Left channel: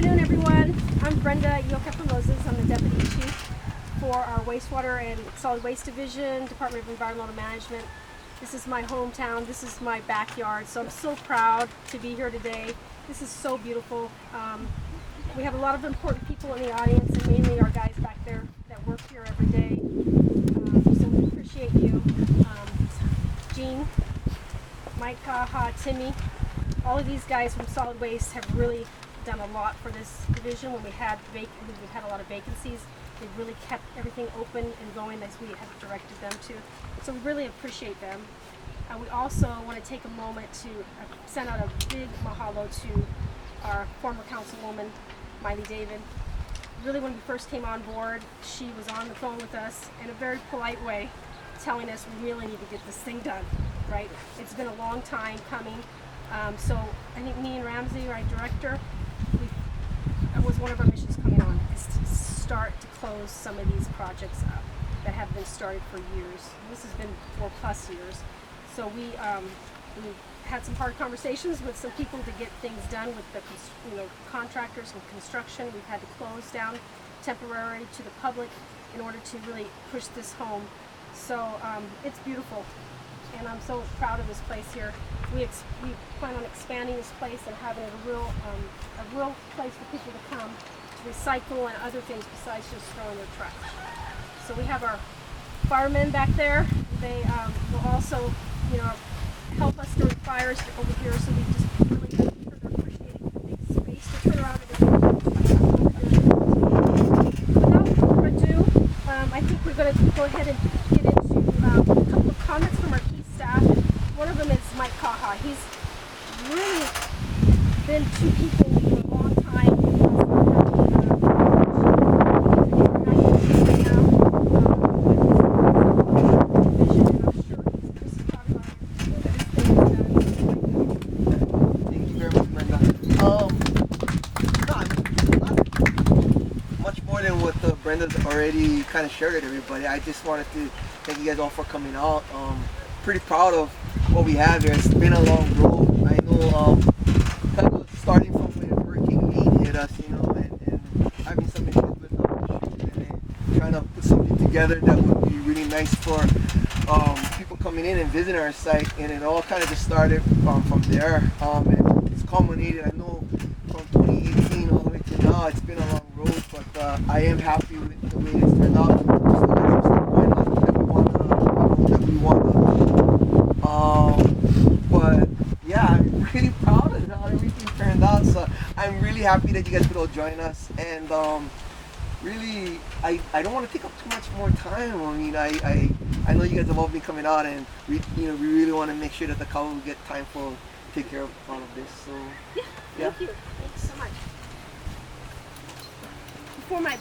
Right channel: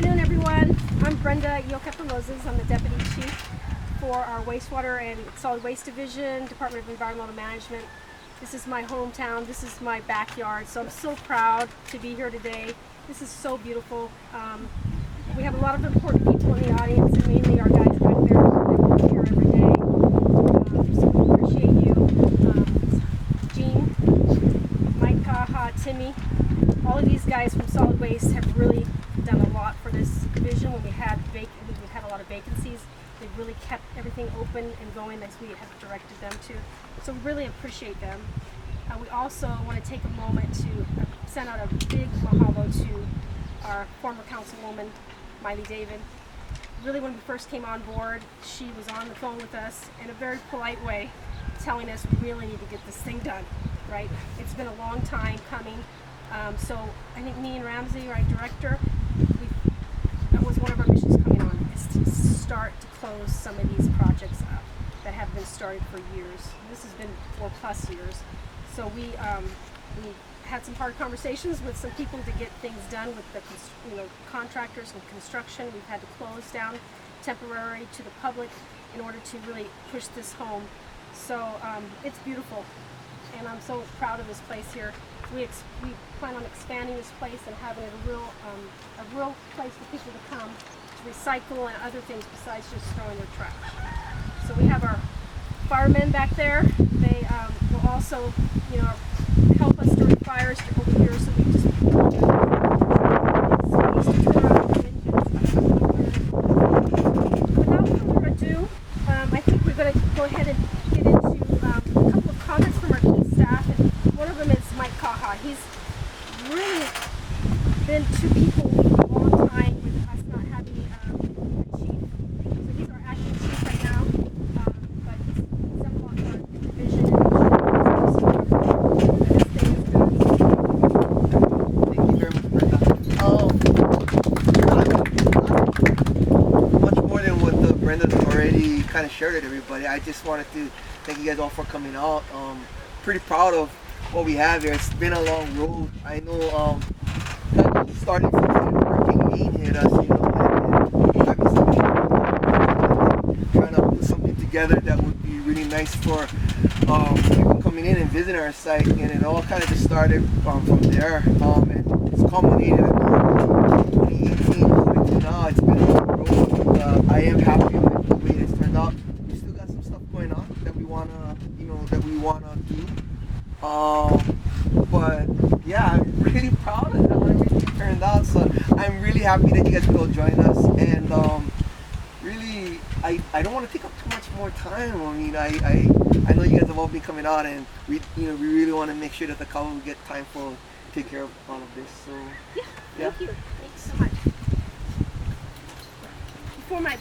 afternoon, everyone. I'm Brenda, Iokepa-Moses. I'm the Deputy Chief for our Wastewater and Solid Waste Division, Department of Environmental Management. This is my hometown. This is my backyard, so I'm so proud to be here today. This is so beautiful. We have a lot of important people in the audience, and mainly our guys back there that work here every day. So we appreciate you. Gene, Mike, Kaha, Timmy, all of these guys from Solid Waste have really done a lot for this division. When we've had a lot of vacancies, they've really kept everything open and going as we have directed them to. So we really appreciate them. We also want to take a moment to send out a big mahalo to our former councilwoman, Maile David. Really, when we first came on board, she was on the phone with us in a very polite way, telling us we really need to get this thing done, right? It's been a long time coming. So I think me and Ramzi, our director, that was one of our missions coming on, is to start to close some of these projects up that have been started for years. This has been 4+ years. So we had some hard conversations with some people to get things done with the contractors and construction. We've had to close down temporary to the public in order to really push this home. So it's beautiful, and I'm so proud of this place here. We plan on expanding this place and having it a real place for people to come to recycle and other things besides just throwing their trash. So we have our firemen back there. They will also, help us during fires over here. So we just without further ado, I think we're going to go ahead and get into a couple of comments from our key staff. And one of them is Mike Kaha. He's really been two people for a long time with us not having he's our acting chief right now, but he's a vision. Thank you very much, Brenda. Much more than what Brenda's already kind of shared with everybody. I just wanted to thank you guys all for coming out. Pretty proud of what we have here. It's been a long road. I know kind of starting from when Hurricane 8 hit us, and having something trying to put something together that would be really nice for people coming in and visiting our site, and it all kind of just started from there. And it's culminated, I know, 2018 all the way to now. It's been a long road, but I am happy with the way it's turned out. Still got some stuff going on that we wanna but yeah, I'm really proud of how everything turned out. So I'm really happy that you guys could all join us. And really, I don't want to take up too much more time. I mean, I know you guys have all been coming out, and we really want to make sure that the Kaha will get time for take care of all of this. So yeah. Thank you. Thanks so much. Before my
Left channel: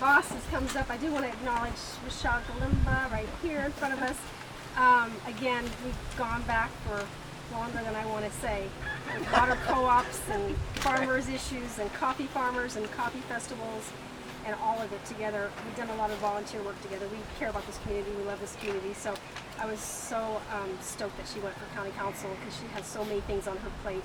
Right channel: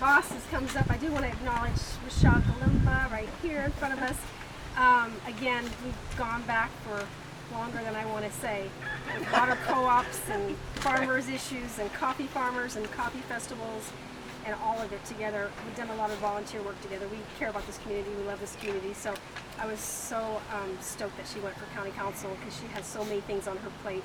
bosses comes up, I do want to acknowledge Michelle Galimba right here in front of us. Again, we've gone back for longer than I want to say. With water co-ops and farmers issues and coffee farmers and coffee festivals and all of it together. We've done a lot of volunteer work together. We care about this community. We love this community. So I was so stoked that she went for county council because she has so many things on her plate.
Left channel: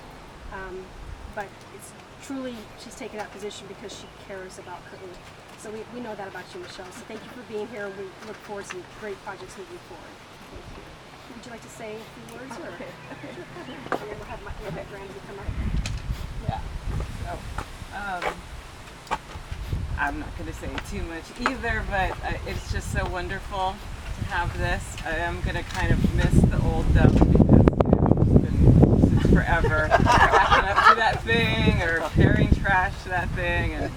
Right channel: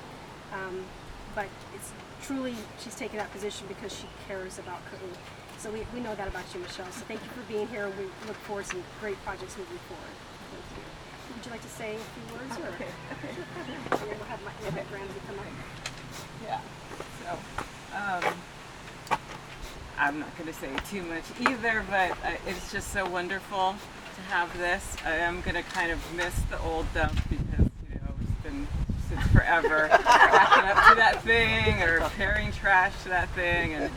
But it's truly, she's taken that position because she cares about Kaha. So we know that about you, Michelle. So thank you for being here. We look forward to some great projects moving forward. Thank you. Would you like to say a few words? Or? Okay. We'll have Ramzi come up. Yeah. So, I'm not going to say too much either, but it's just so wonderful to have this. I am going to kind of miss the old dump because it's been since forever backing up to that thing or carrying trash to that thing, and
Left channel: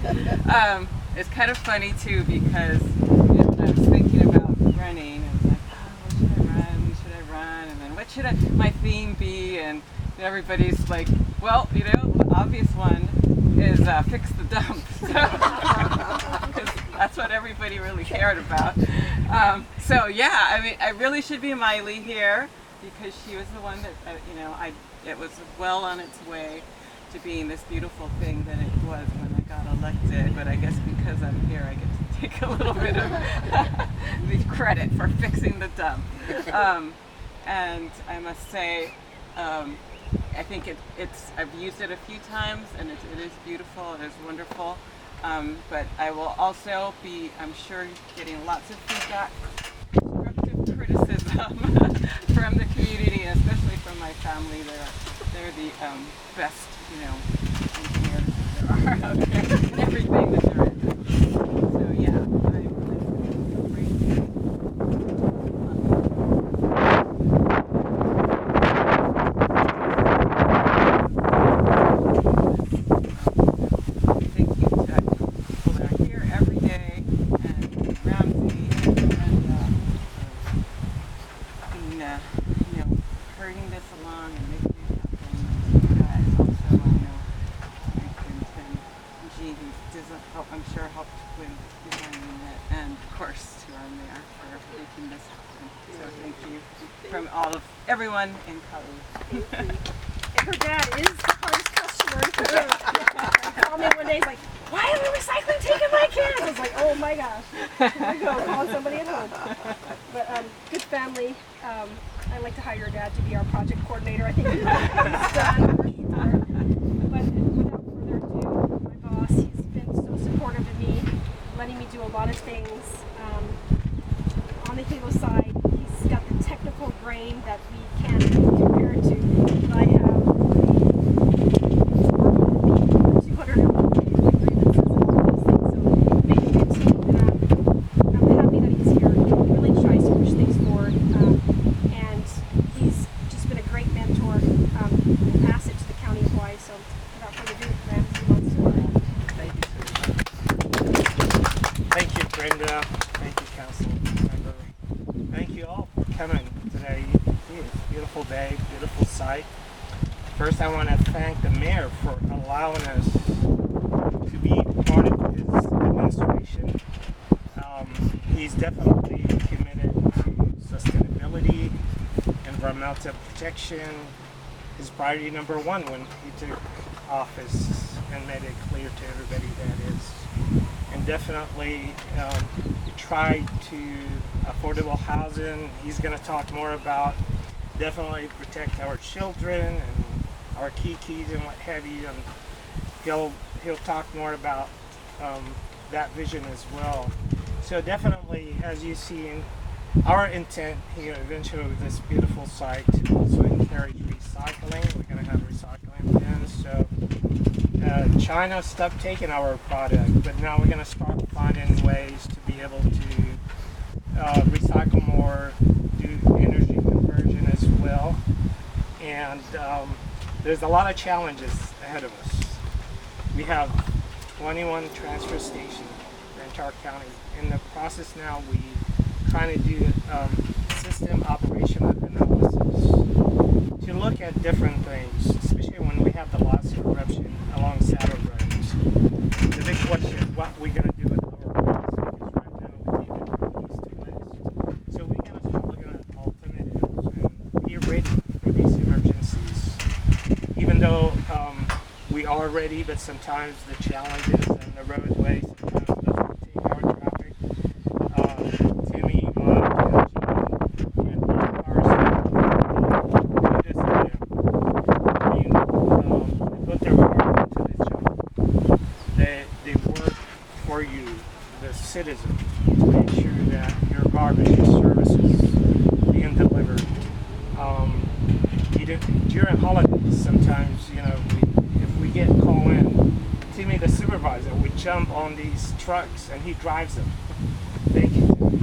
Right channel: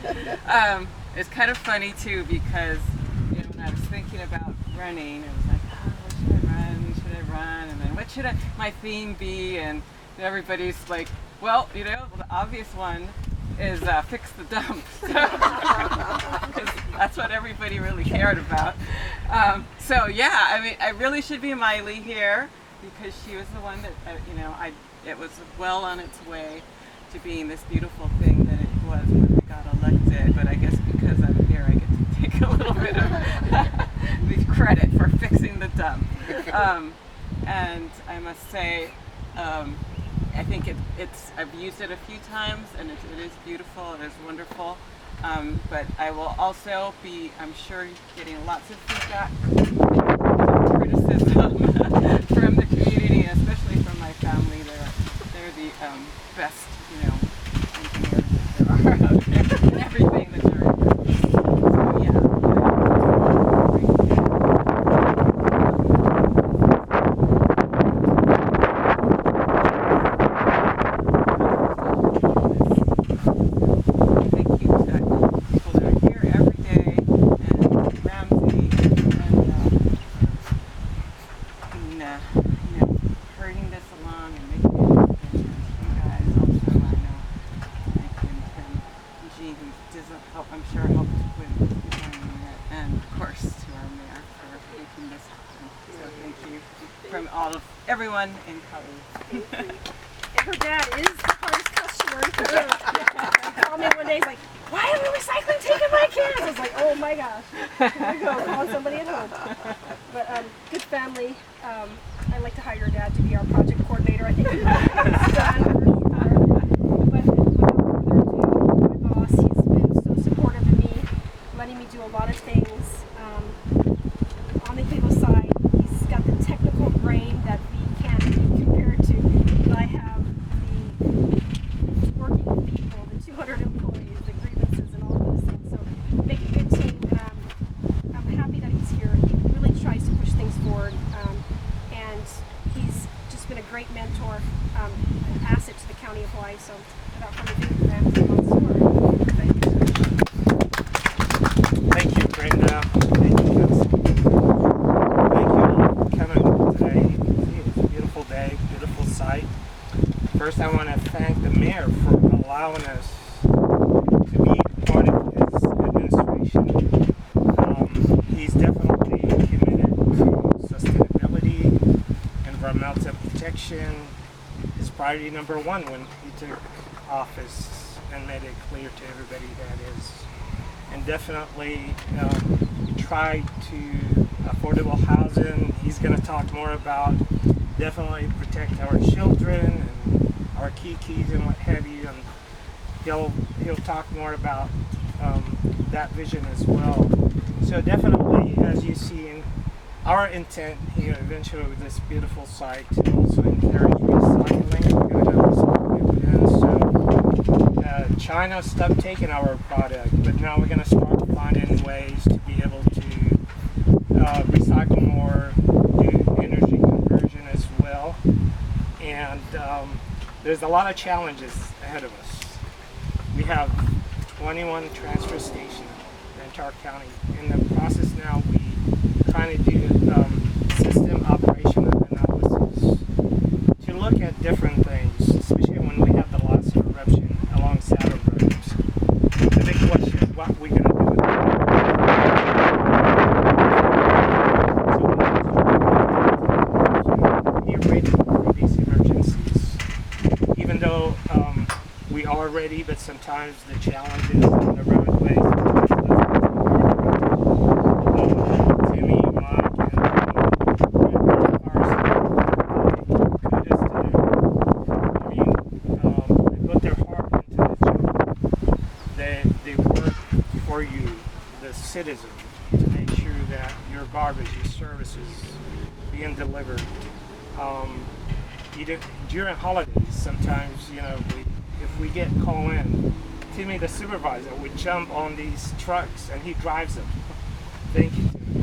it's kind of funny too because when I was thinking about running, I was like, what should I run? Should I run? And then what should my theme be? And everybody's like, well, the obvious one is fix the dump. Because that's what everybody really cared about. So yeah, I mean, I really should be Maile here because she was the one that, it was well on its way to being this beautiful thing that it was when I got elected. But I guess because I'm here, I get to take a little bit of the credit for fixing the dump. And I must say, I think I've used it a few times, and it is beautiful, it is wonderful. But I will also be, I'm sure, getting lots of feedback, criticism from the community, and especially from my family. They're the best, engineers there are out there, and everything that there is. So yeah. Thank you to people that are here every day, and Ramzi and Brenda, being, hurrying this along and making it happen. And to you guys also, I know Mike and Tim and Jean, who I'm sure helped with designing it, and of course to our mayor for making this happen. So thank you from everyone in Kaha. And her dad is the hardest customer in Kaha. He called me one day, he's like, "Why are the recycling taking my kids?" I was like, "Oh my gosh." Here we go, calling somebody at home. But good family. I like to hire your dad to be our project coordinator. I think he's done for sure. But without further ado, my boss, he's been so supportive of me, letting me do a lot of things. On the Hilo side, he's got the technical brain that we can't be compared to. I have working with people, the 200 employees, the grievances, and all those things. So make a good team, and I'm happy that he's here. He really tries to push things forward, and he's just been a great mentor, an asset to the county of Hawaii. So without further ado, Ramzi and Mansour. Thank you. Thank you, Brenda. Thank you, guys. Thank you all for coming today. It's a beautiful day, beautiful sight. First, I want to thank the mayor for allowing us to be part of his administration. He's definitely committed to sustainability, environmental protection. His priority number one when he took office and made it clear to everybody that is. And definitely try to affordable housing. He's going to talk more about definitely protect our children and our kikis and what have you. And he'll talk more about that vision as well. So definitely, as you see, our intent here eventually with this beautiful site to also encourage recycling. We're going to have recycling bins. So China stopped taking our product, but now we're going to start finding ways to be able to recycle more, do energy conversion as well. And there's a lot of challenges ahead of us. We have 21 transfer stations in the entire county. In the process now, we kind of do system operational analysis to look at different things, especially when we have the lots of eruption along saddle roads. The big question is what we're going to do with it. So we need to be ready for these emergencies. Even though we are ready, but sometimes the challenges in the roadways sometimes doesn't take Timmy, Mike, and they put their heart into this job. They work for you, the citizen, to make sure that your garbage, your services being delivered. During holidays, sometimes, if we get called in, Timmy, the supervisor, would jump on these trucks and he drives them. Thank you, Timmy.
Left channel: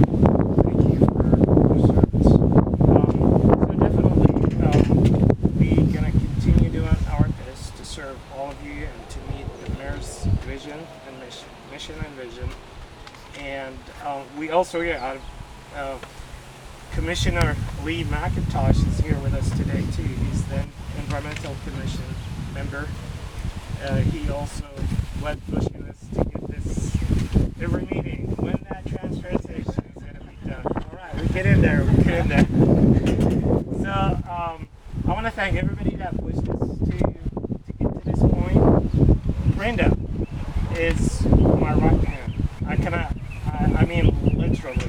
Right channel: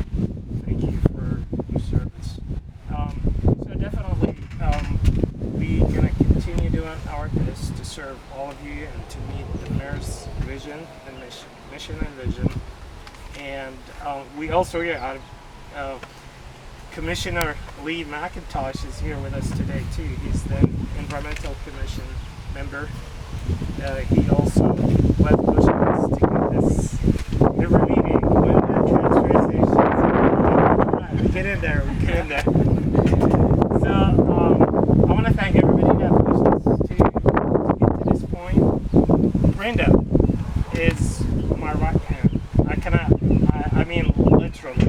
Thank you for your service. So definitely, we're going to continue doing our best to serve all of you and to meet the mayor's vision and mission and vision. And we also here, Commissioner Lee McIntosh is here with us today too. He's the Environmental Commission member. He also led pushing us to get this every meeting. When that transfer station, we get in there. So I want to thank everybody that pushed us to get to this point. Brenda is my right hand. I mean literally.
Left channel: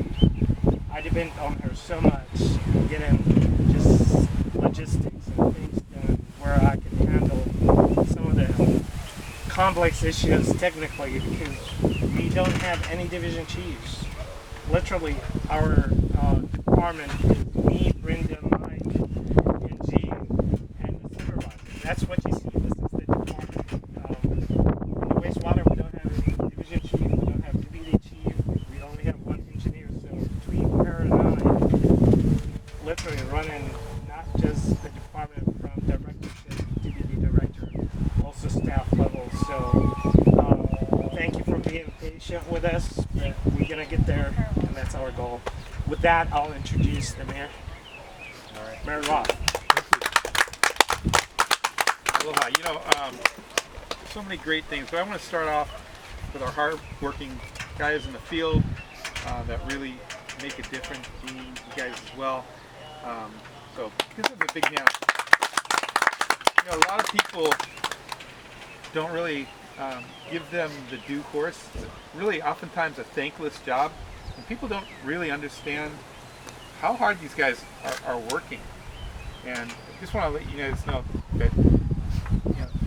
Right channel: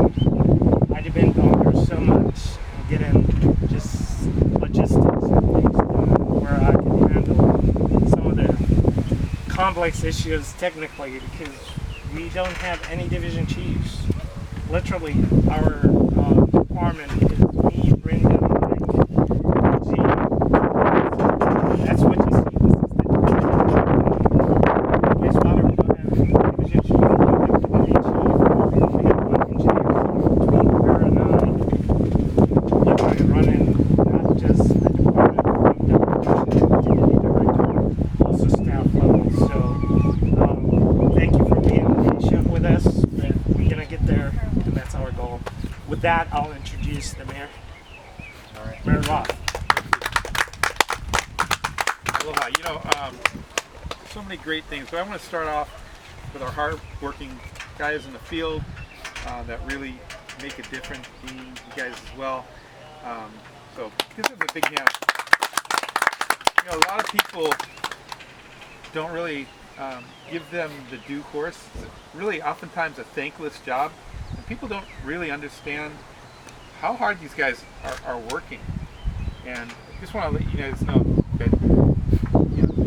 I depend on her so much and getting just logistics and things, and where I can handle some of the complex issues technically, because we don't have any division chiefs. Literally, our department is me, Brenda, Mike, and Gene. That's what you see. This is the wastewater. We don't have a division chief. We don't have a division chief. We only have one engineer. So between her and I, literally running not just a department, but one director, deputy director, also staff level. So thank you for being patient with us. But we're gonna get there, and that's our goal. With that, I'll introduce the mayor. All right. Mayor Roth. Aloha. You know, so many great things. But I want to start off with our hard-working guys in the field that really make a difference. You guys as well. So give them a big hand. You know, a lot of people don't really give them the due course. It's really oftentimes a thankless job, and people don't really understand how hard these guys are working. And I just want to let you guys know that, you know,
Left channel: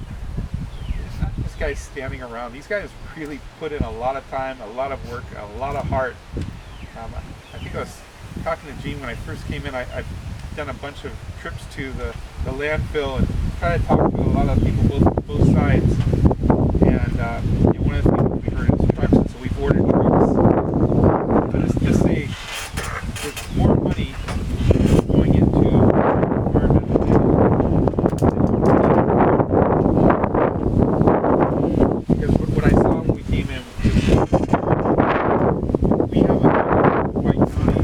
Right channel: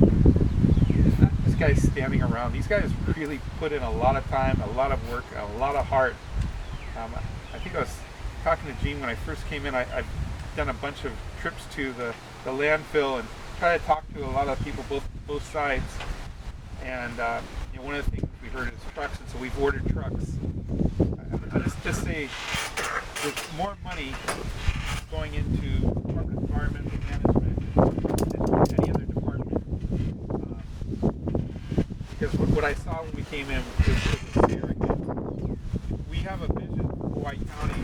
it's not just guys standing around. These guys really put in a lot of time, a lot of work, a lot of heart. I think I was talking to Gene when I first came in. I've done a bunch of trips to the landfill and try to talk to a lot of people both sides. And you know, one of the things we heard is trucks, and so we've ordered trucks. But it's just there's more money going into environmental management than because what I saw when we came in was we have a Hawaii County.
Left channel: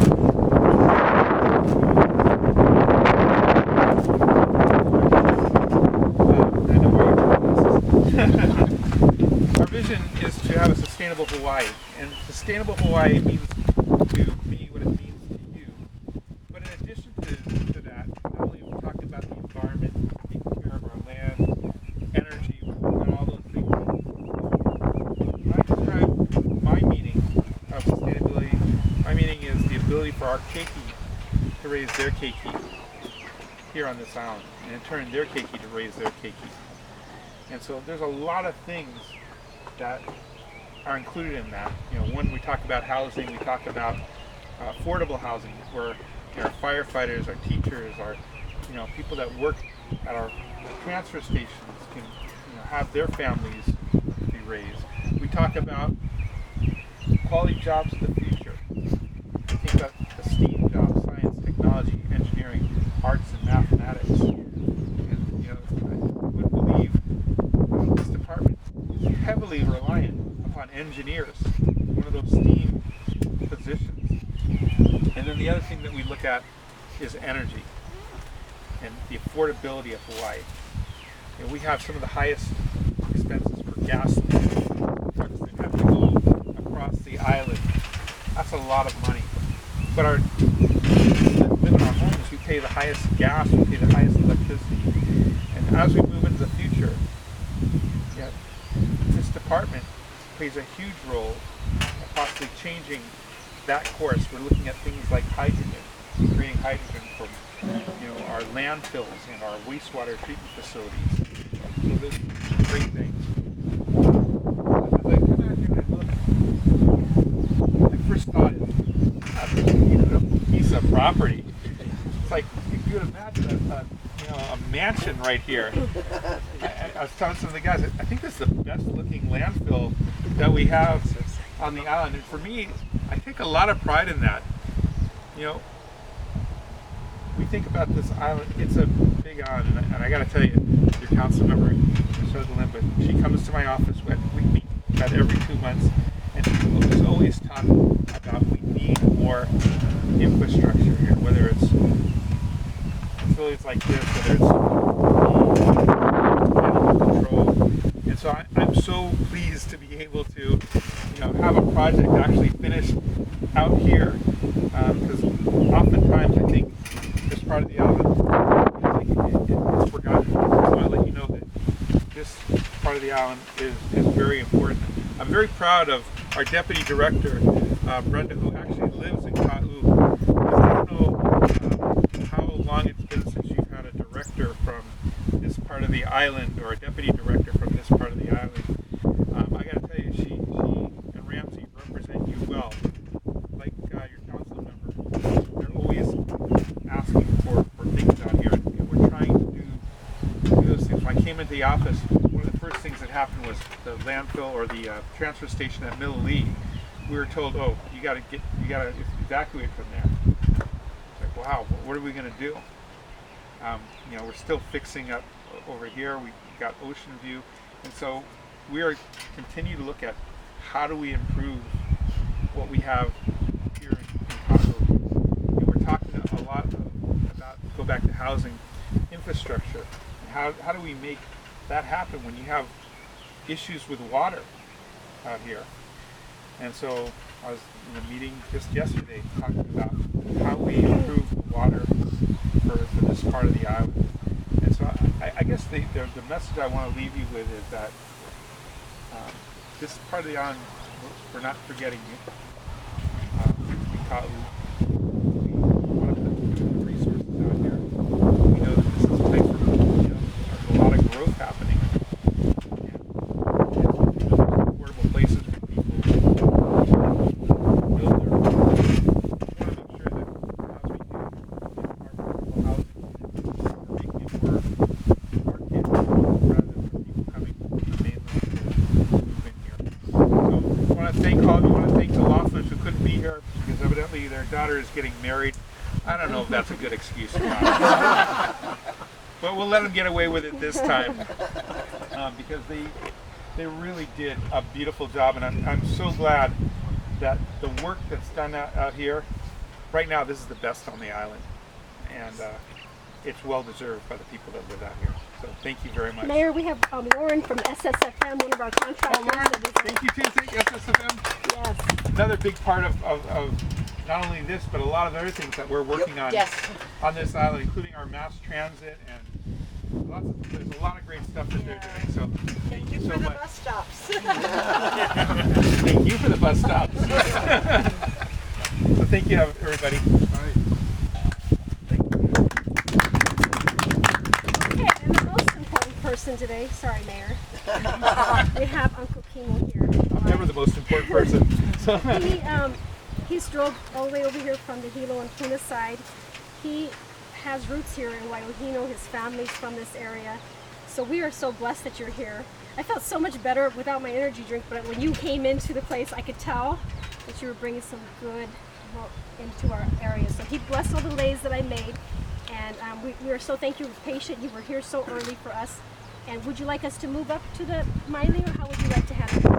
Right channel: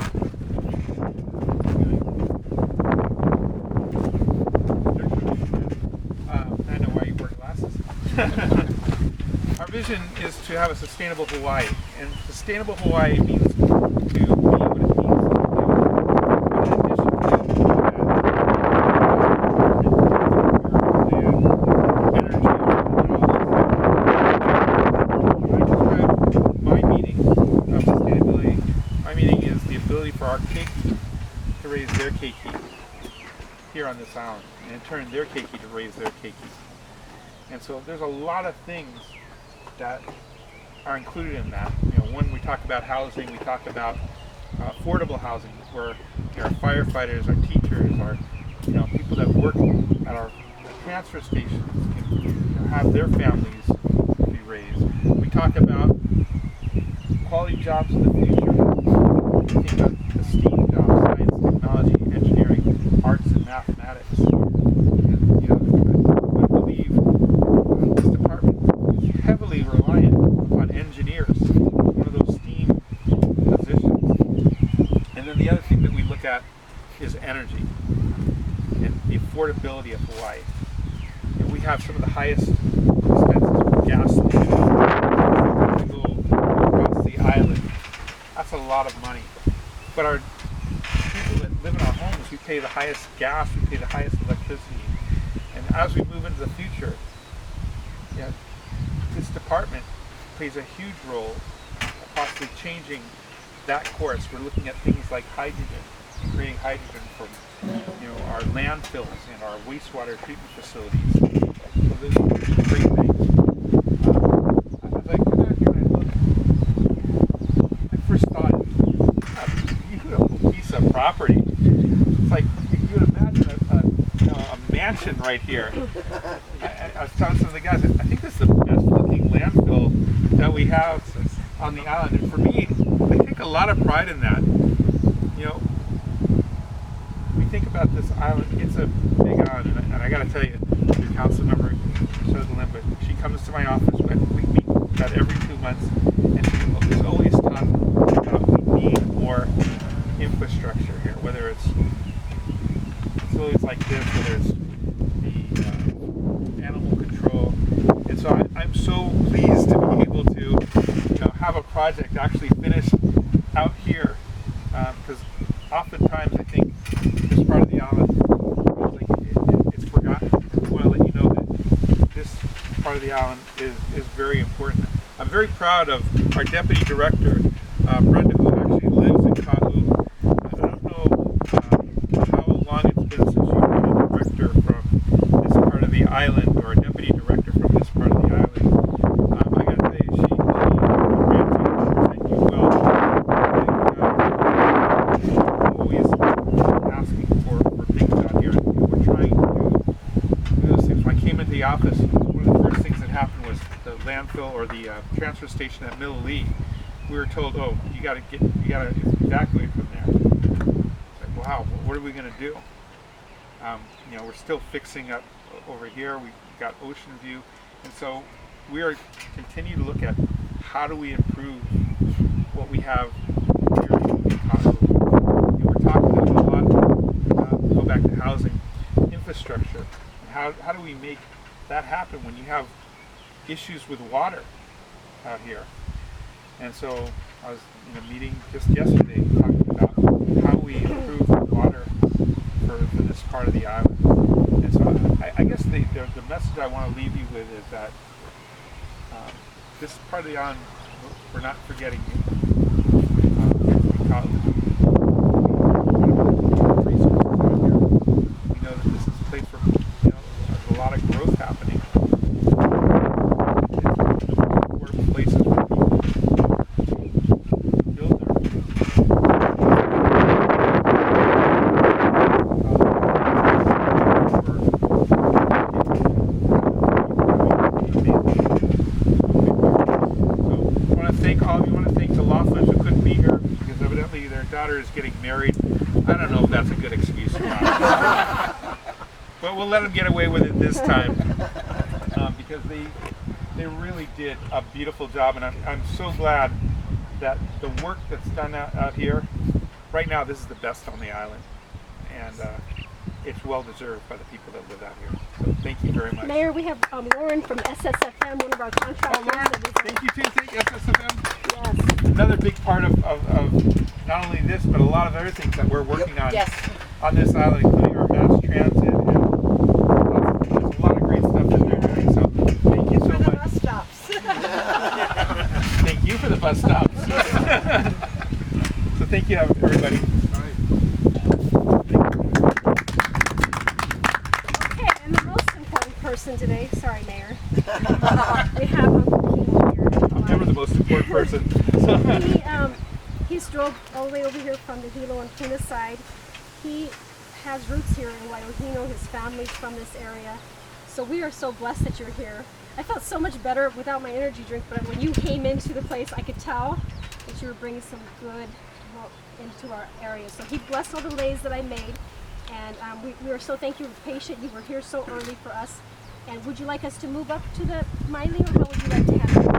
I know why you wear glasses. Our vision is to have a sustainable Hawaii, and sustainable Hawaii means to be what it means to do. But in addition to that, environment, energy, and all these things. When I describe my meaning of sustainability, my meaning is the ability for our keiki to raise their keiki here on this island, and in turn their keiki to raise their keiki. And so there's a lot of things that are included in that. You know, when we talk about housing, we talk about affordable housing, where you know, our firefighters, our teachers, our people that work at our transfer stations can have their families be raised. We talk about quality jobs in the future. We think about the STEAM jobs: science, technology, engineering, arts, and mathematics. And you know, I would believe this department is heavily reliant upon engineers, one of those STEAM positions. And then the other thing that we look at is energy and the affordability of Hawaii. You know, we have some of the highest expenses for gasoline. To go across the island, that's a lot of money. But our people that live in our homes, we pay the highest gas, we pay the highest electricity. And as we move into the future, yeah, this department plays a huge role in possibly changing that course. We're looking at things like hydrogen, creating hydrogen from our landfills and our wastewater treatment facilities. So there's great things. As I come out here and I look, I first thought, you know, a piece of property. It's like you would imagine a mansion right here. I was telling some of the guys, I think this is the best looking landfill that we have on the island. And for me, I take a lot of pride in that. You know, we think about this island, it's a big island, and I got to tell you, your council member, Galimba, she comes to my office, we meet about every 2 months, and she's always talking about we need more infrastructure here, whether it's facilities like this, whether it's animal control. And so I'm so pleased to be able to have a project actually finished out here, because oftentimes I think this part of the island it's forgotten. I want to let you know that this part of the island is very important. I'm very proud of our deputy director, Brenda, who actually lives in Kaha. And I don't know how long it's been since you've had a island, or a deputy director from this part of the island, I got to tell you, Ramzi will represent you well. Always asking for things down here, and we're trying to do those things. When I came into the office, one of the first things that happened was the landfill, or the transfer station at Maile. We were told, oh, you got to evacuate from there. It's like, wow, what are we going to do? We're still fixing up over here. We got ocean view, and so we are continue to look at how do we improve what we have here in Kaha. We're talking a lot about, go back to housing infrastructure, and how do we make that happen when you have issues with water out here. And so I was in a meeting just yesterday talking about how we improve water for this part of the island. And so I guess the message I want to leave you with is that this part of the island, we're not forgetting you. Because we want to put resources out here. We know that this is a place where there's a lot of growth happening. It's one of the most important places where people build their the Loefflers, who couldn't be here because evidently their daughter is getting married. I don't know if that's a good excuse or not. But we'll let them get away with it this time because they really did a beautiful job, and I'm so glad that the work that's done out here, right now this is the best on the island, and it's well deserved by the people that live out here. So thank you very much. Mayor, we have Lauren from SSFM, one of our contractors. Oh, Lauren, thank you too. Thank you, SSFM. Yes. Another big part of not only this, but a lot of other things that we're working on on this island, including our mass transit, and there's a lot of great stuff that they're doing. So thank you so much. Bus stops. Thank you for the bus stops. So thank you, everybody. All right. Okay, and the most important person today, sorry, Mayor, we have Uncle Kimo here. I'm never the most important person. So. He's drove all the way over here from the Hilo and Puna side. He has roots here in Wai'ōhinu. His family's from this area. So we are so blessed that you're here. I felt so much better without my energy drink, but when you came into the place, I could tell that you were bringing some good into our area. So he blessed all the lays that I made. And we are so thank you for patient. You were here so early for us. And would you like us to move up to the Maile, or how would you like to have it?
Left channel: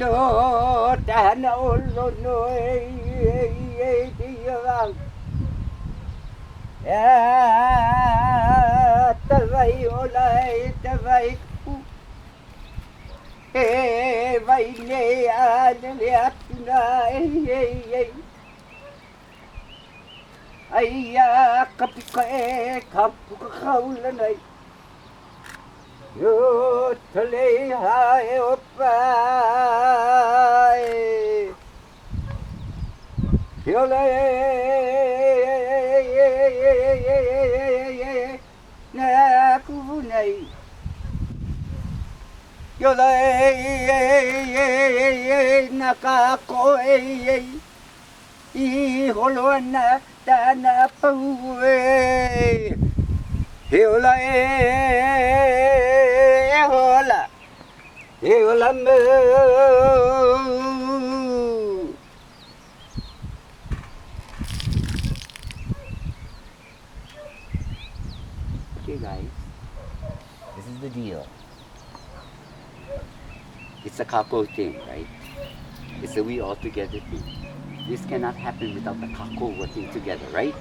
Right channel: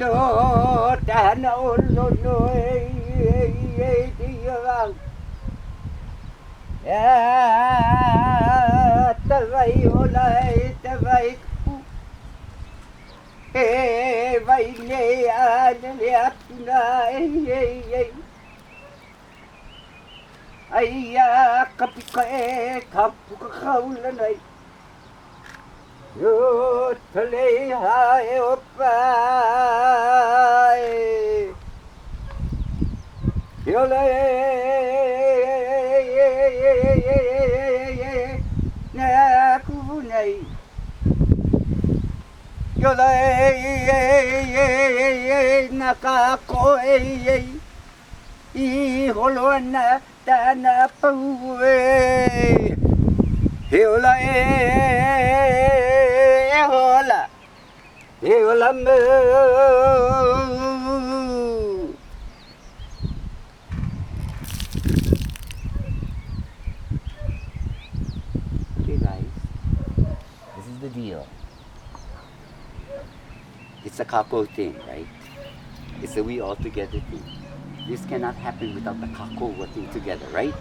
no tahana o lono e te iawau. Tawai ola e tawai ku. E vai ne le atuna e. Aia kapuka e kapuka kaula nei. Yo tale hae opai. Yo le na kuvu nei. Yo le na kako e. I holoana tana paue. Heola hola. Heola mo. Okay guys, this is the deal. It's a kako thing, right? It's a we all together thing. This cannot happen without the kako working together, right?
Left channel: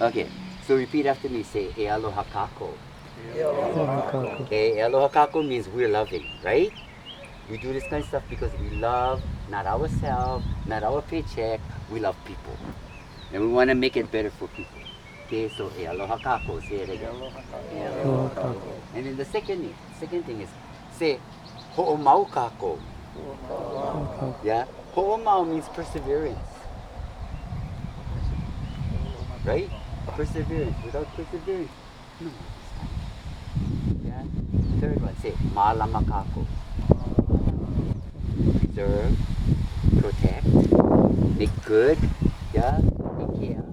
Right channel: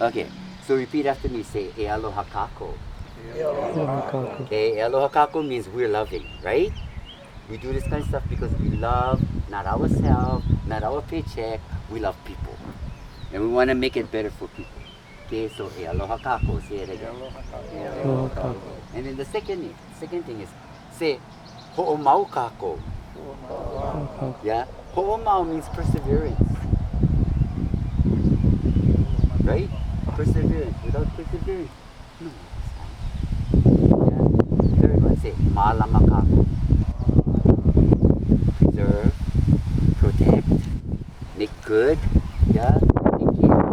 Okay, so repeat after me. Say, e aloha kako. Okay, e aloha kako means we're loving, right? We do this kind of stuff because we love not ourselves, not our paycheck, we love people. And we want to make it better for people. Okay, so e aloha kako, say it again. And then the second thing is, say, ho'omau kako. Yeah? Ho'omau means perseverance. Right? Perseverance. Without perseverance, no. Yeah? Third one, say, malama kako. Preserve, protect, make good, yeah? Take care.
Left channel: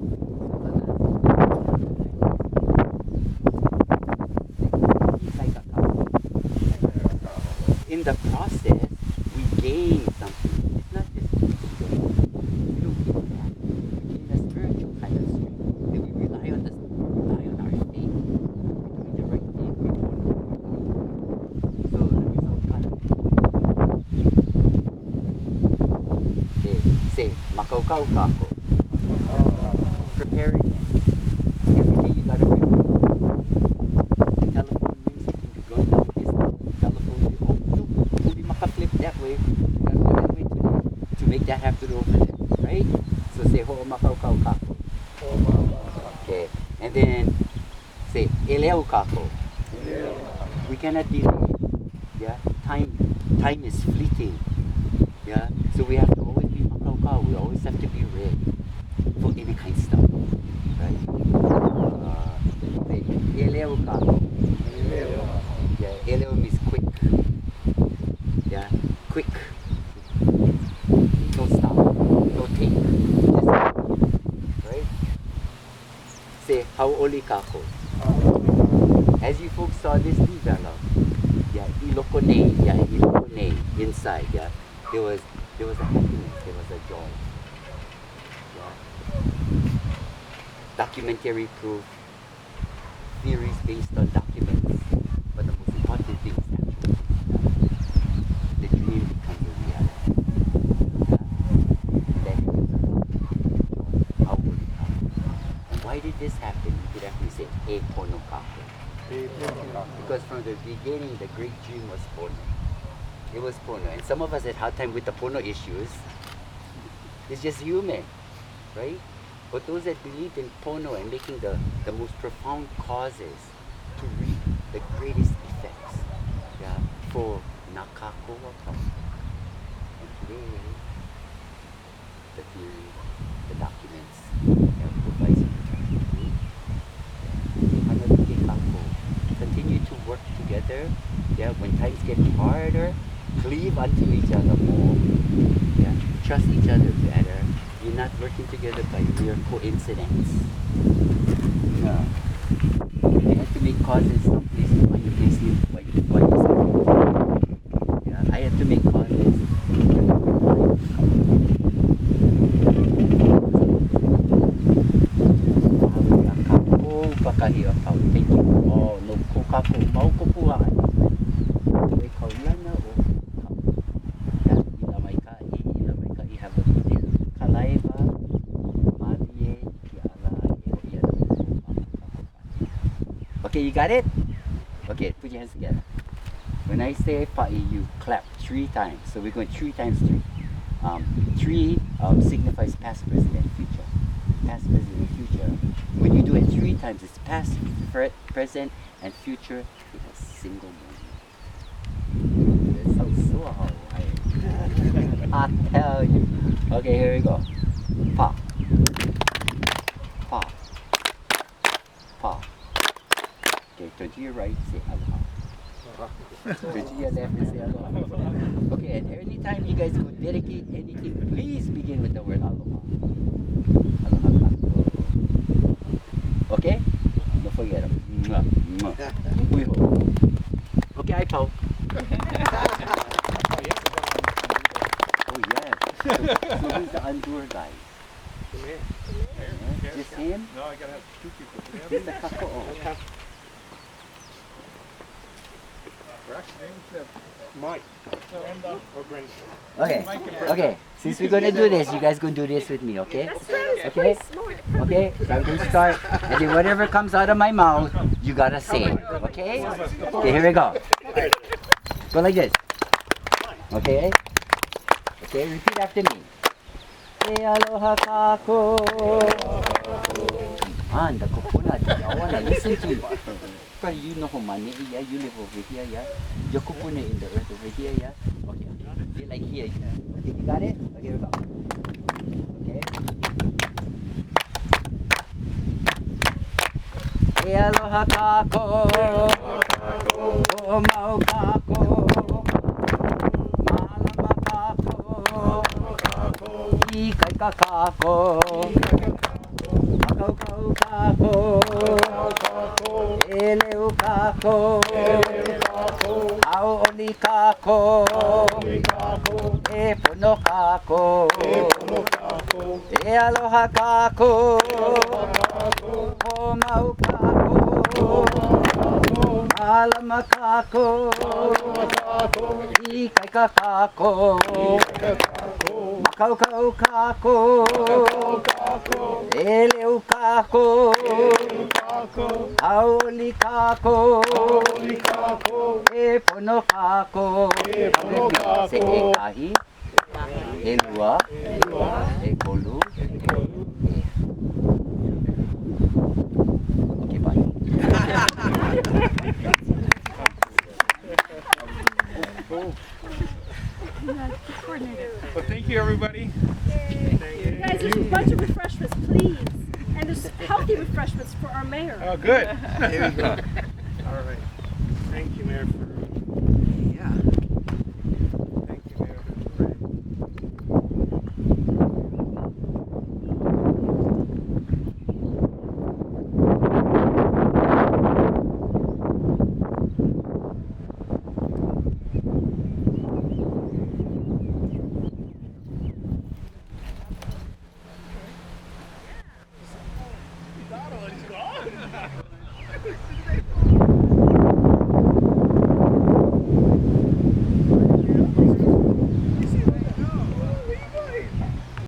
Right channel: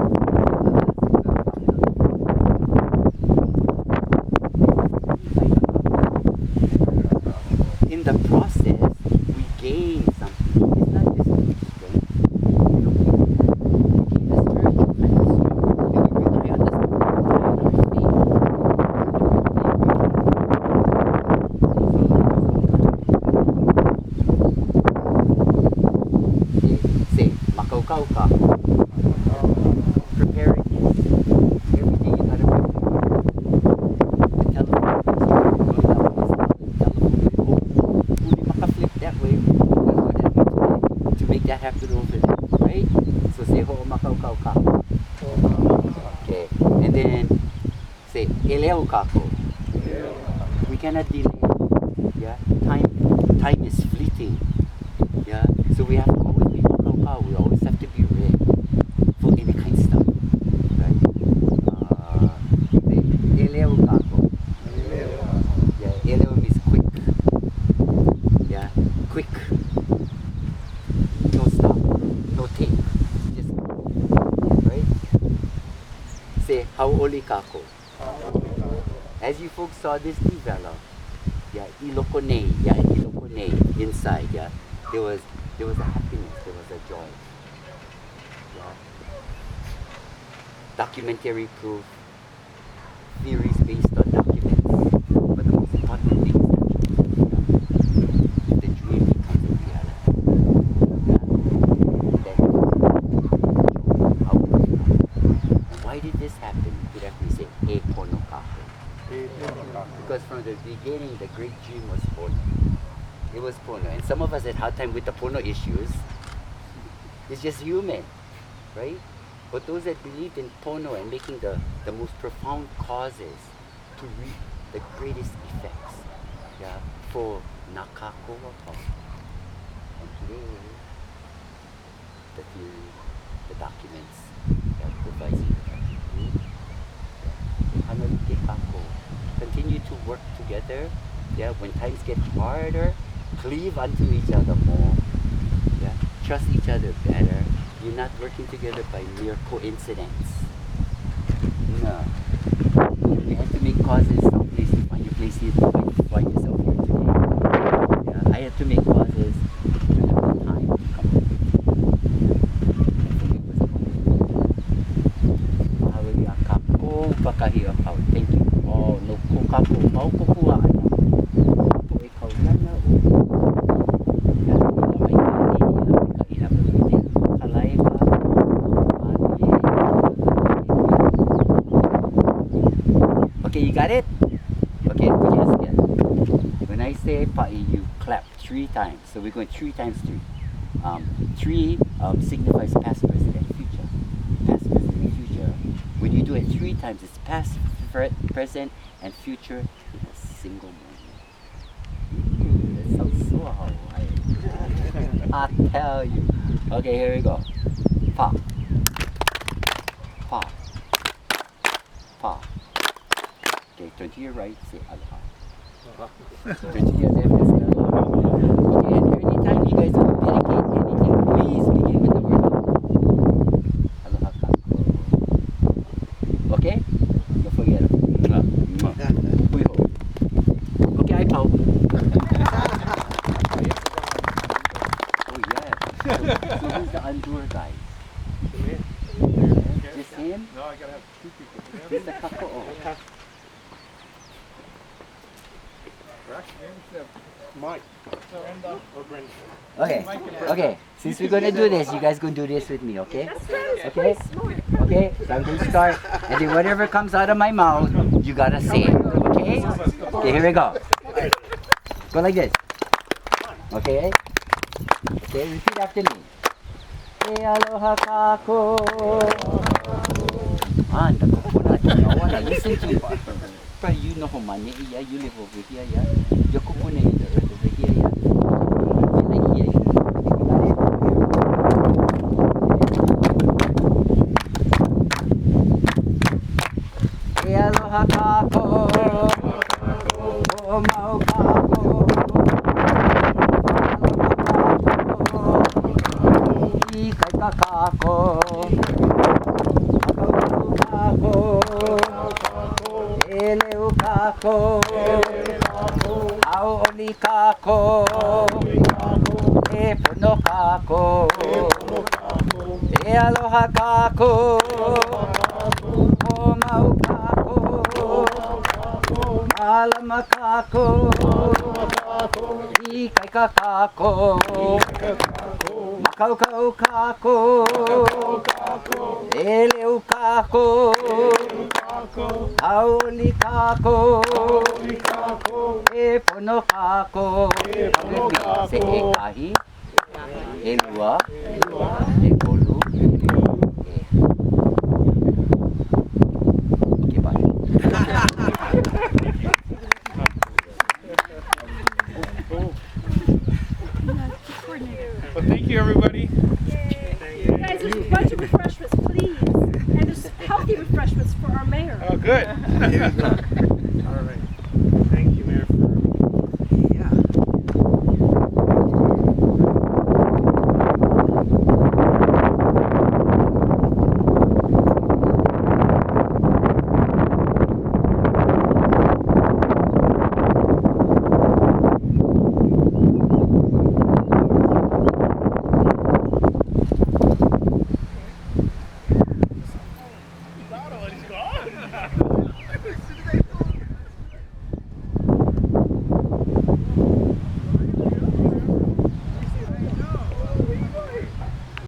In the process, we gain something. It's not just gain. We don't gain that. We gain the spiritual kind of strength. And we rely on the spiritual, rely on our faith. Say, makaukau ka. Preparing you. Everything you gotta bring. The telephone. Flip that way, that's what that means today, to make that happen over there, right? So say ho'o makau kau kako. Okay, and then say eleo kako. We cannot delay. Yeah, time is fleeting. Yeah, so we have to always be makau kau. We always have to be ready for any kind of stuff, right? Say eleo kako. Yeah, eleo means quick. Yeah, quick. No stop. No take. Just right? Say hau'oli kako. As you folks saw this develop, yeah, ilokone, inside, yeah, there was a happiness, there was a joy. Yeah. Documentary proof, theories based on documents, but the most important thing is the dream becomes a reality. And why did this happen? Did we say e pono kako? Because from the beginning, the great dream was pono. It was pono, and some of us had hard time with the pono issues. It's just human, right? But those that believed in pono and making the most profound causes to reap the greatest effects, yeah, for nakako wapau. And today, the theory, the documents, yeah, provides you protection proof. Continue to work together. Yeah, when times get harder, cleave unto each other more. Yeah, trust each other better. You're not working together by mere coincidence. No. You had to make causes someplace to find your place here, to find yourself here today. Yeah, I had to make causes during the time to come to me. Thank you. Oh, no kokako mau kokua. Ikaw lana o. got it? Okay, put your hands together. When I say pa'i, you clap 3 times. So we're going 3 times 3. 3 signifies past, present, and future. Past, present, and future. When you do it 3 times, it's past, present, and future in a single moment. That sounds so Hawaii. I tell you. Okay, here we go. Pa. Pa. Pa. Okay, turn to your right, say aloha. Turn to your left and say aloha. Okay, and anytime you guys dedicate anything, please begin with the word aloha. Aloha kako. Okay? Don't forget it. Mwah, mwah. Uiho. Okay, I pout. Oh yeah. So who's the undoer guy? Just him? No, I gotta have 2 people. Just the kako. We're actually named them. Mike, Brenda, or Brenda? Okay, okay. Since we're gonna do this, you guys gonna do this with me, okay? Okay? Okay, so I'm gonna start, and then whatever comes out of my mouth, you gotta say it, okay? Okay, here we go. Go like this. Okay? Okay, repeat after me. E aloha kako. Ah, the kupuna. I wanna listen to you. Probably you know Homani, yeah, you live over here, yeah. Your kupuna is the earth over here, yeah. Like here, yeah. You got it? Okay. E aloha kako. O mau kako. I kai ka kako. Kakau kako. Eleu kako. Au oli kako. E pono kako. E aloha kako. O mau kako. Malama kako. I kai ka kako. Makau kako. Eleu kako. Aoli kako. E pono kako. Se e kahi. E lua. E kolu. E. Okay, bye. Well, thank you, everybody. Guys, there's a bunch of refreshments, please. And there's healthy refreshments for our mayor. Oh, good. Here we go. All right. Thank you, Mayor. Yeah. He's gone.